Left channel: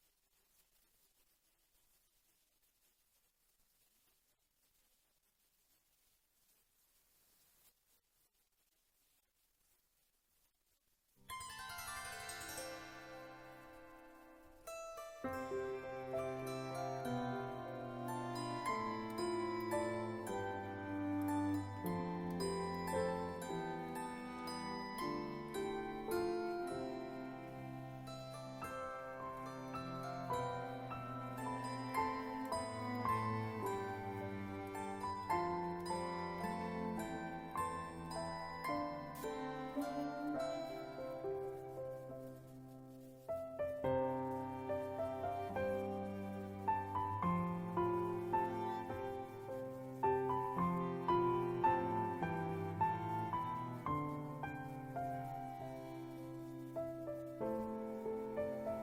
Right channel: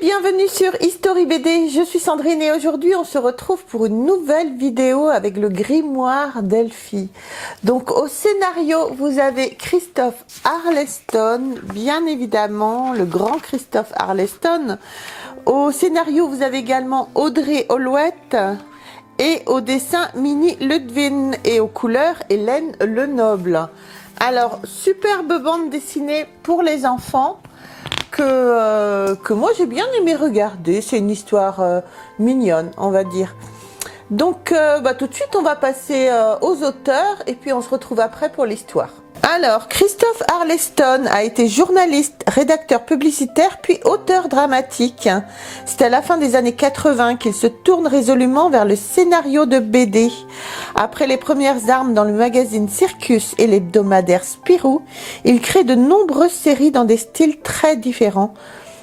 bienvenue sur History BD, je suis Sandrine et aujourd'hui on se retrouve pour une nouvelle vidéo avec le grimoire d'Elphie. Donc au scénario vous avez Christophe Arleston, bien évidemment le grand Christophe Arleston. Au scénario vous avez également Audrey Hollouette et au dessin Minnie Ludwin et aux couleurs Hélène Lenoble. Alors superbe bande dessinée pour les enfants. Que moi j'ai bien aimé regarder, c'est une histoire mignonne on va dire. Donc tout de suite on va passer aux auteurs et puis on se retrouve après pour l'histoire. Alors Christophe Arleston a été journaliste, rédacteur publicitaire puis auteur dramatique. C'est à la fin des années 80 qu'il se tourne résolument vers le scénario de BD. Après les premières armes dans le magazine Circus et l'hebdomadaire Spirou, il crée de nombreuses séries dans des styles très différents.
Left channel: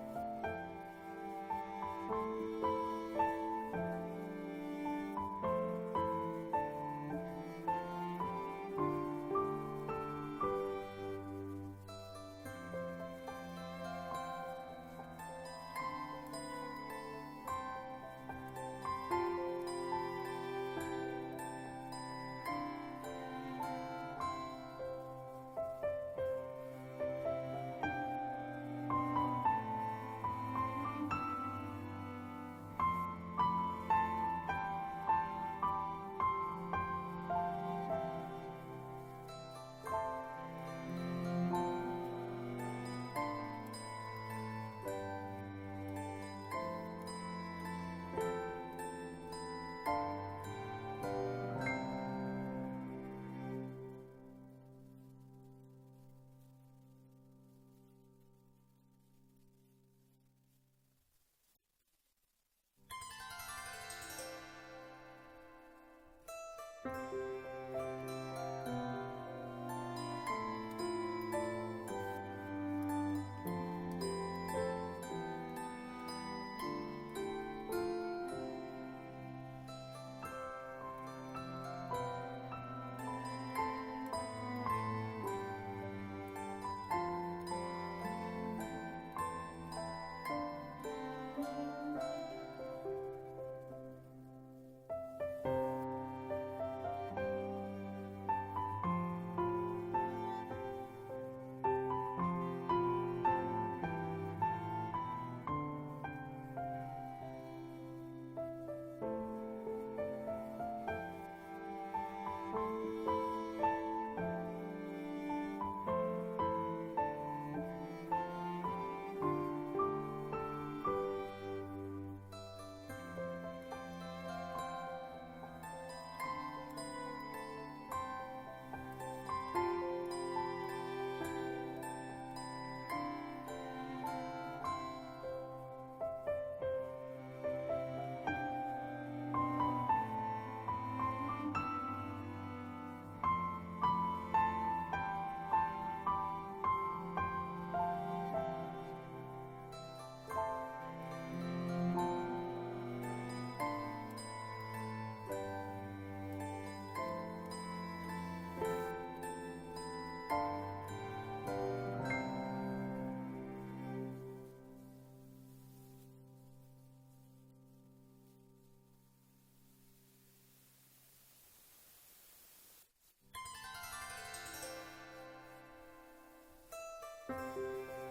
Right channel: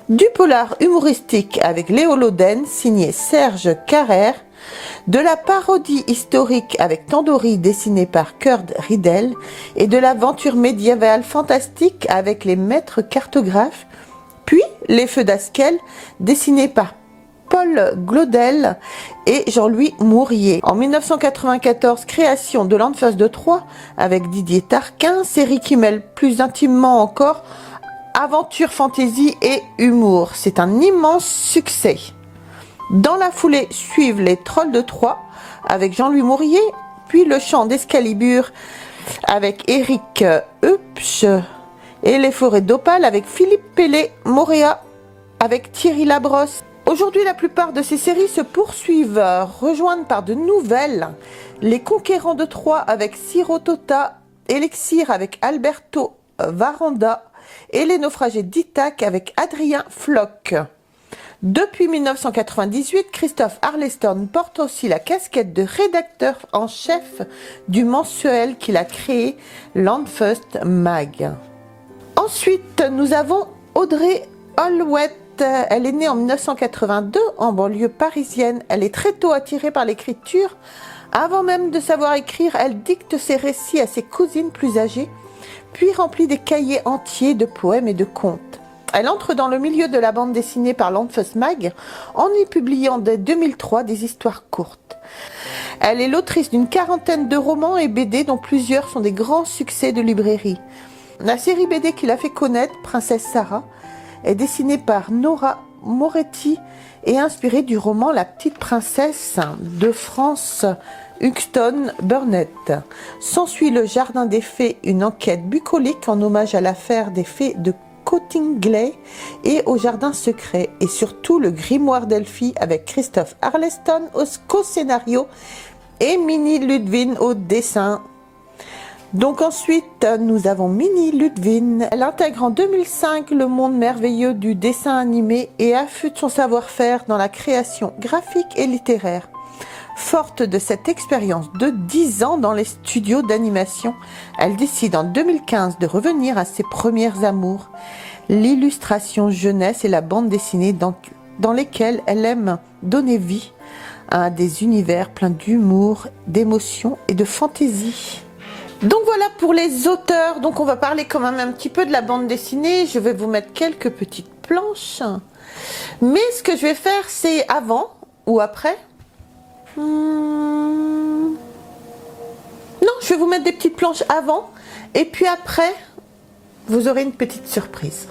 Du polar humoristique avec Léo Loden, signé Serge Carrère, de la parodie historique avec Tandoori dessinée par Kurt Riedel et de l'aventure médiévale fantastique avec les maîtres cartographes, puis Les Feux d'Askel dessinés par Paul Glaudel et Jean-Louis Mourier. En 1994, création de l'Enfance de Troie avec Didier Tarquin, série qui mêle plus intimement encore aventure, fantaisie et humour. C'est un immense succès. Dans la foulée suivent les Trolls de Troie avec Jean-Louis Mourier, puis le Chant d'Escalibur avec Éric Hupsch et les Forêts d'Opale avec Philippe Pellet-Moréa avec Thierry Labrosse. Aujourd'hui, la plupart de ces séries se poursuivent, rejointes par de nouvelles. Les Conquérants de Troie avec Ciro Tota, Elixir avec Alberto Varanda et Les Naufragés d'Ithaque avec Adrien Floch. Depuis 1998, Christophe Arleston porte aussi la casquette de rédacteur en chef du mensuel qu'il a créé, Landfust Mag. Ensuite, nous avons Audrey Hollouette. Elle est née en 1982 en banlieue parisienne. Elle est très tôt attirée par l'écriture. Avant même de savoir écrire, elle dicte ses récits à ses cousines plus âgées, puis remplit des cahiers entiers de poèmes et de contes. Elle entre dans le milieu de la bande dessinée par Landfust Mag en y publiant dès 2003 des histoires courtes. Elle est l'autrice d'une quarantaine de romans et BD dont plusieurs sont des grands succès de librairie. La série BD qui l'a fait connaître, Princesse Sarah, est dessinée par Nora Moretti et inspirée du roman La Petite Princesse de France Huxton Burnett. S'ensuit Le Jardin des Fées, une enquête bucolique en hommage à l'affaire des fées de Cottingley et au Jardin Secret, et surtout le grimoire d'Elphie avec Christophe Arleston au co-scénario et Minnie Ludwin au dessin. Donc ensuite nous avons Minnie Ludwin. Elle intègre en 2005 le monde merveilleux du dessin animé et affûte son savoir-faire dans la création graphique et littéraire. Forte de cette expérience de 10 ans dans les studios d'animation, elle décide en 2015 de revenir à ses premières amours, l'illustration jeunesse et la bande dessinée dans lesquelles elle aime donner vie à des univers pleins d'humour, d'émotion et de fantaisie. Donc voilà pour les auteurs. Donc on va parler quand même un petit peu de la bande dessinée. Je vais vous mettre quelques petites planches. Mais ce que je vais faire, c'est avant ou après. Non, je vais vous mettre des petites planches avant et puis après, vous aurez une petite surprise.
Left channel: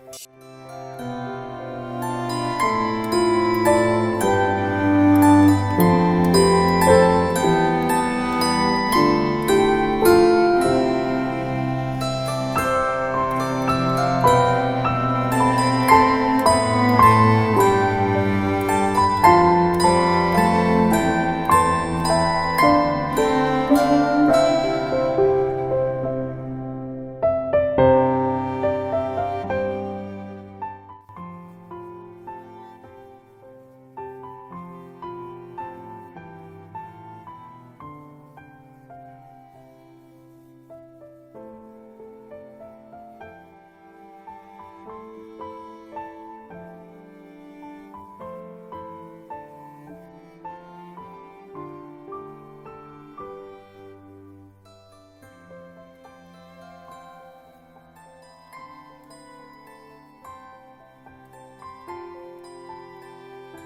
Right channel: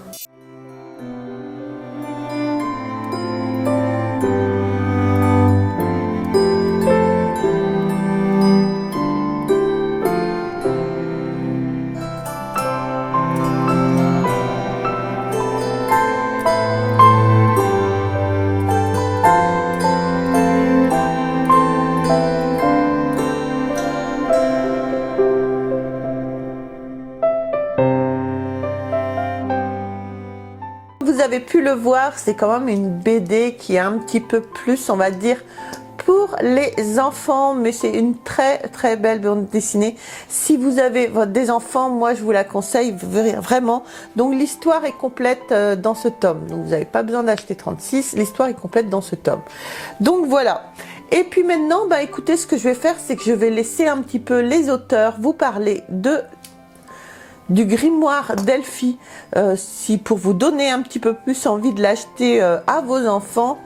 Vous avez pu le voir, c'est quand même une BD qui est un petit peu plus, on va dire, pour les enfants, mais c'est une très très belle bande dessinée. Si vous avez des enfants, moi je vous la conseille vraiment. Donc l'histoire est complète dans ce tome, donc vous n'avez pas besoin d'acheter 36, l'histoire est complète dans ce tome. Donc voilà. Et puis maintenant, écoutez, ce que je vais faire, c'est que je vais laisser un petit peu les auteurs vous parler du grimoire d'Elfie, si pour vous donner un petit peu plus envie de l'acheter à vos enfants.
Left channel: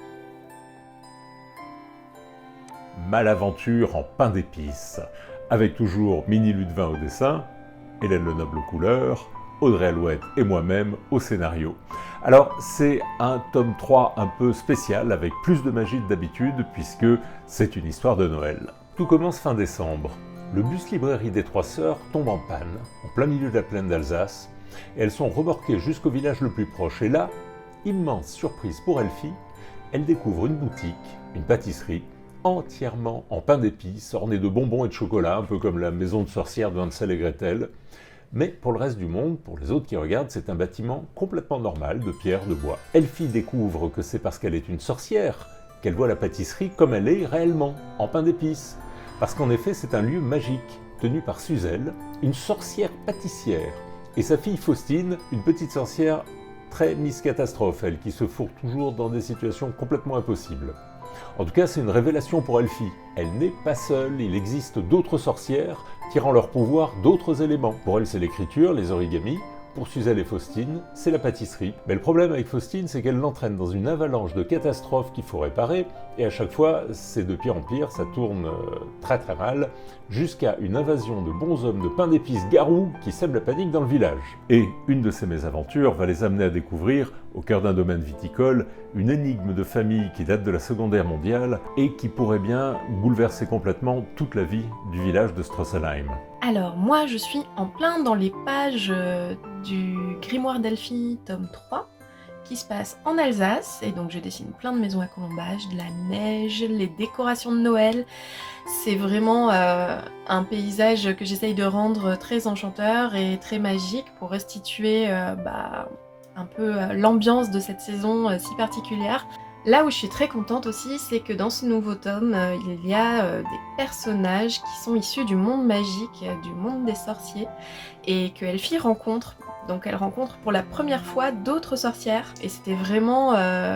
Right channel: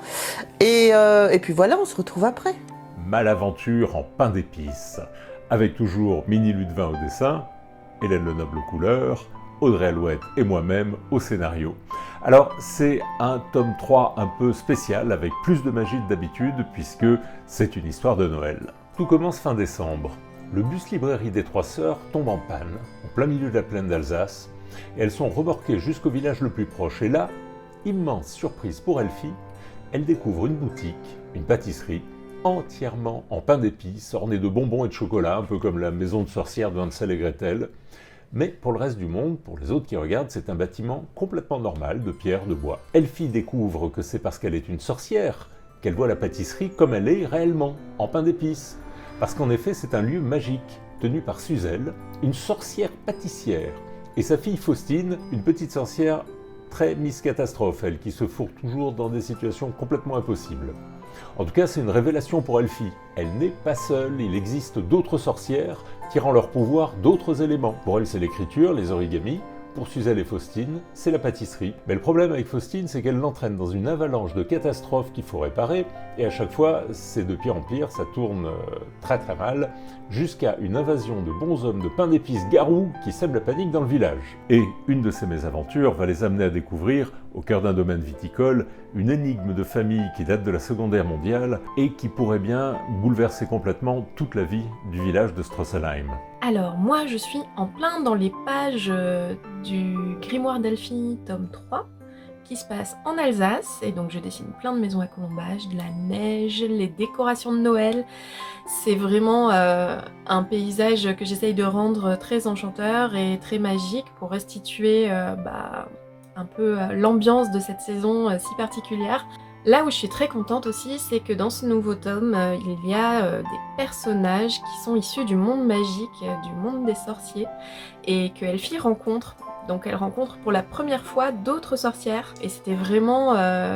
Et puis voilà, on se retrouve après. Malaventure en pain d'épices, avec toujours Minnie Ludvin au dessin, Hélène Lenoble aux couleurs, Audrey Alouette et moi-même au scénario. Alors c'est un tome 3 un peu spécial, avec plus de magie que d'habitude, puisque c'est une histoire de Noël. Tout commence fin décembre. Le bus librairie des Trois Sœurs tombe en panne, en plein milieu de la plaine d'Alsace, et elles sont remorquées jusqu'au village le plus proche. Et là, immense surprise pour Elfie, elle découvre une boutique, une pâtisserie, entièrement en pain d'épices, ornée de bonbons et de chocolat, un peu comme la maison de sorcière de Hansel et Gretel. Mais pour le reste du monde, pour les autres qui regardent, c'est un bâtiment complètement normal, de pierre, de bois. Elfie découvre que c'est parce qu'elle est une sorcière qu'elle voit la pâtisserie comme elle est réellement, en pain d'épices. Parce qu'en effet, c'est un lieu magique, tenu par Suzel, une sorcière pâtissière, et sa fille Faustine, une petite sorcière très Miss Catastrophe, elle qui se fourre toujours dans des situations complètement impossibles. En tout cas, c'est une révélation pour Elfie. Elle n'est pas seule, il existe d'autres sorcières tirant leur pouvoir d'autres éléments. Pour elle, c'est l'écriture, les origamis. Pour Suzel et Faustine, c'est la pâtisserie. Mais le problème avec Faustine, c'est qu'elle l'entraîne dans une avalanche de catastrophes qu'il faut réparer, et à chaque fois, c'est de pire en pire, ça tourne très très mal, jusqu'à une invasion de bons hommes de pain d'épices garous qui sèment la panique dans le village. Et une de ces mésaventures va les amener à découvrir, au cœur d'un domaine viticole, une énigme de famille qui date de la Seconde Guerre mondiale et qui pourrait bien bouleverser complètement toute la vie du village de Strosselheim. Alors, moi, je suis en plein dans les pages du Grimoire d'Elfie, tome 3, qui se passe en Alsace, et donc je dessine plein de maisons à colombage, de la neige, les décorations de Noël. C'est vraiment un paysage que j'essaye de rendre très enchanteur et très magique pour restituer un peu l'ambiance de cette saison si particulière. Là où je suis très contente aussi, c'est que dans ce nouveau tome, il y a des personnages qui sont issus du monde magique, du monde des sorciers, et que Elfie rencontre. Donc elle rencontre pour la première fois d'autres sorcières, et c'était vraiment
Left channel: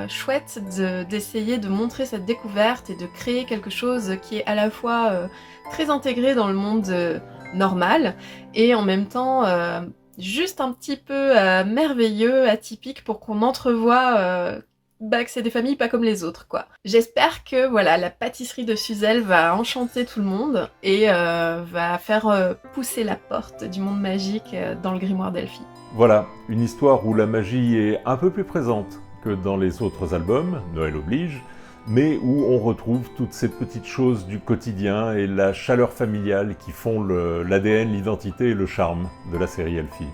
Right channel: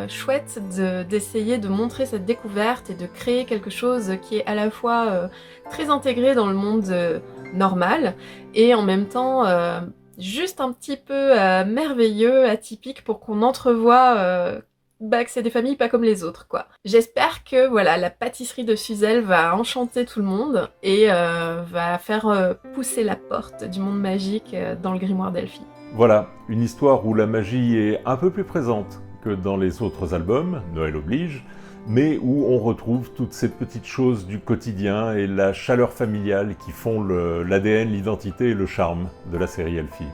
chouette d'essayer de montrer cette découverte et de créer quelque chose qui est à la fois très intégré dans le monde normal, et en même temps juste un petit peu merveilleux, atypique, pour qu'on entrevoie que c'est des familles pas comme les autres, quoi. J'espère que voilà, la pâtisserie de Suzel va enchanter tout le monde et va faire pousser la porte du monde magique dans le grimoire d'Elfie. Voilà, une histoire où la magie est un peu plus présente que dans les autres albums, Noël oblige, mais où on retrouve toutes ces petites choses du quotidien et la chaleur familiale qui font l'ADN, l'identité et le charme de la série Elfie.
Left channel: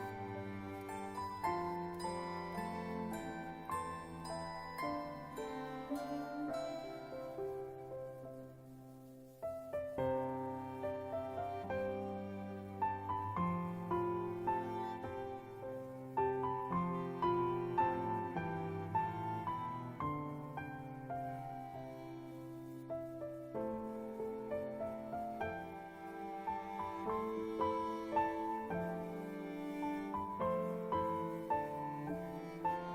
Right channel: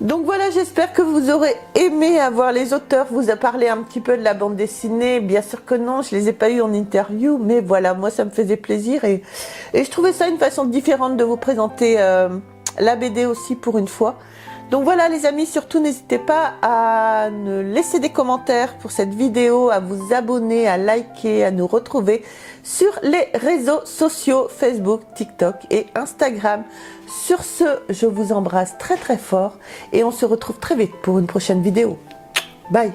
Donc voilà, j'espère que vous aurez aimé avoir les auteurs vous a parlé un petit peu de la bande dessinée. Bien sûr que non, je les ai pas eu en interview, mais voilà, moi ça me faisait plaisir et je trouvais ça une façon différente de vous présenter la BD aussi pour une fois. Donc voilà les amis, surtout n'hésitez pas à nous laisser des commentaires pour cette vidéo, à vous abonner, à liker, à nous retrouver sur les réseaux sociaux Facebook, TikTok et Instagram. Sur ce, je vous embrasse très très fort et on se retrouve très vite pour une prochaine vidéo. Bye!